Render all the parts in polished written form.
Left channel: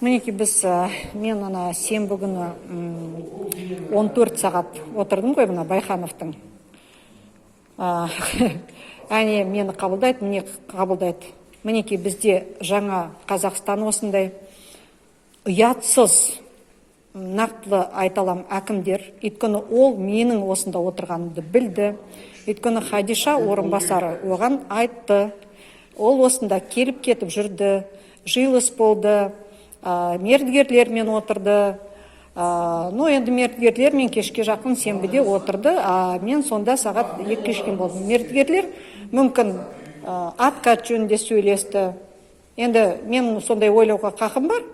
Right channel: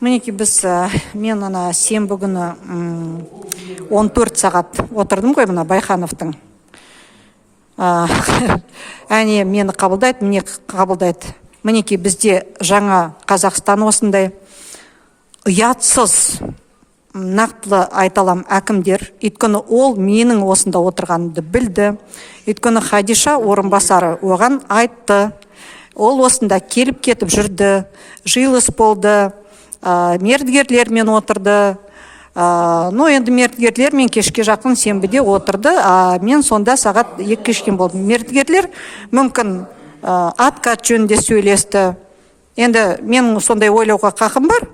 Мінеки біз, мен ана сенбі күні 14 сағат отырдым ғой мына Байхановтың. Әне мені қабылдайды, мені қабылдайды. Мінеки бізде жаңа Қазақстан осындай ұятсыз, нақтылы айталам әкімдер. Өйткені ол менің осында отырғанымды білді. Өйткені Хадиша орынбасары оған айтты. Ол осында келіп кетіп жүрді, жиылыс болды, мердігерлермен отырды. Енді мердігерлермен кешке жақын сенбіде отырды, мен сонда сағат 2 кешкен болдым. Мердігерлер мүмкін откат жөнінде сөйлесті. Енді мен сондай ойлауға қақым бар.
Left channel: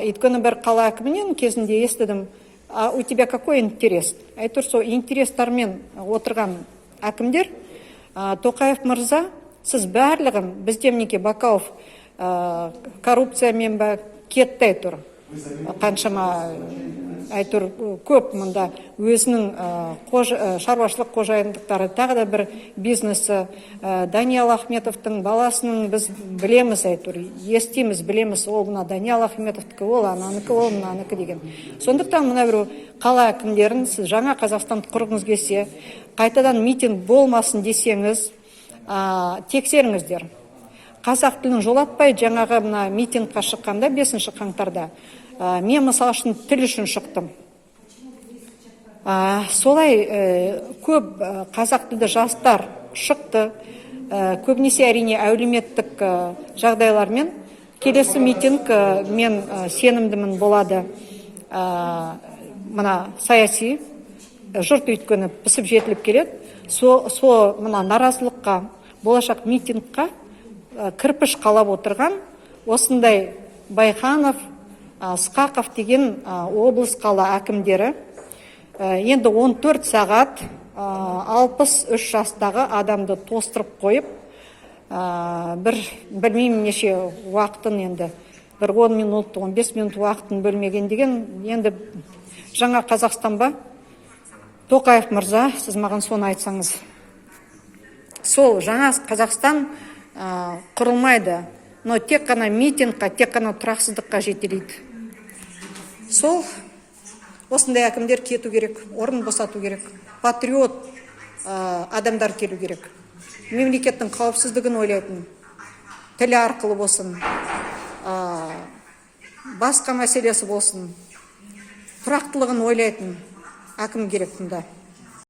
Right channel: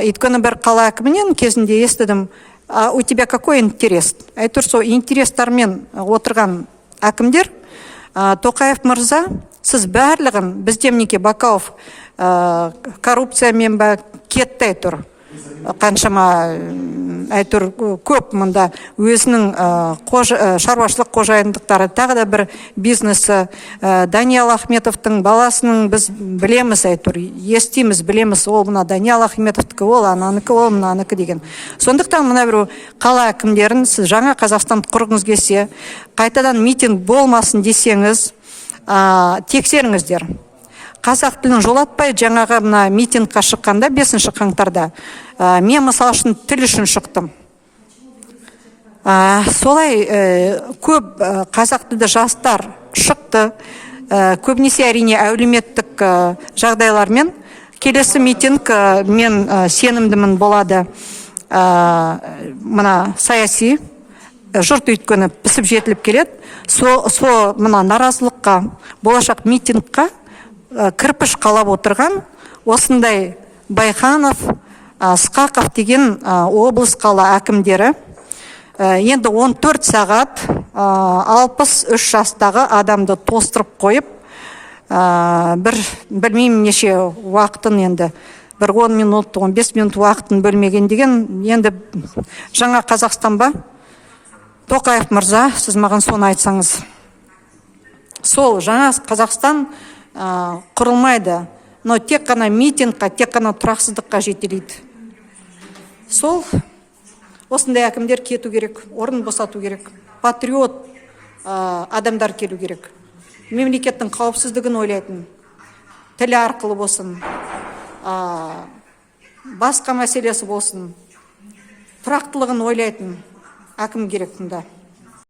Өйткені бір қала әкімінен кезінде естідім, у тебя какой интерес? Әйтеуір сол интерестармен отырған әкімдер, Тоқаев мырза, сіз барлығын, бізде мінеки Бакауов коррупциямен ба кетті әйтеуір. Қаншама әйтеуір көп мұнда өзінің шаруашылық қожайындықтары, тағы да бір бизнесі. Даниял Ахметовтың баласының біз білеміз әйтеуір, естиміз, білеміз, ол мына Даниял Ахметовтікі, ол ананыкі, ол мынаныкі деген. Сондықтан мына бір қала әкімдерін сіз жаңа Қазақстан құрғыңыз келсе, қайтадан митинг болмасын десеңіз, тексеріңіздер. Қазақ тілін жолатпай жаңағы мына митингқа шыққанда 5 қаңтарда мен мысал үшін тіл үшін шықтым. Солай көп қазақ тілді жастар шықты, көбінесе әрине әлеуметтік жағдайлармен. Келесі митинг мен сенімдімін болады мына саяси жұрт өйткені пісіп жетіліп келеді. Сол мына наразылыққа, болашақ митингқа кірпіш қалап отырған осындай Байханов, Сқақов деген облыс қала әкімдері енді 14 сағат 63 жастағы адамды тостырып қойып, білмеймін неше уақытын енді, бір 10 минут, 15 минут уақытын бөлмеген деген, енді жаңа Қазақстан ба? Тоқаев мырза, сіз маған соны айтсаңыз. Сол жаңа Қазақстан құрылмайды, но тек қана митингқа, тек қана тұрақсыздыққа жетелейді. Сол осындай әкімдер кету керек, орын босату керек, патриот адамдар келу керек. Мемлекеттің қауіпсіздігін ойлайтын, тілі арқылы болсын, басқа мәселесі болсын, тұрақтылығын ойлайтын әкім керек мұнда.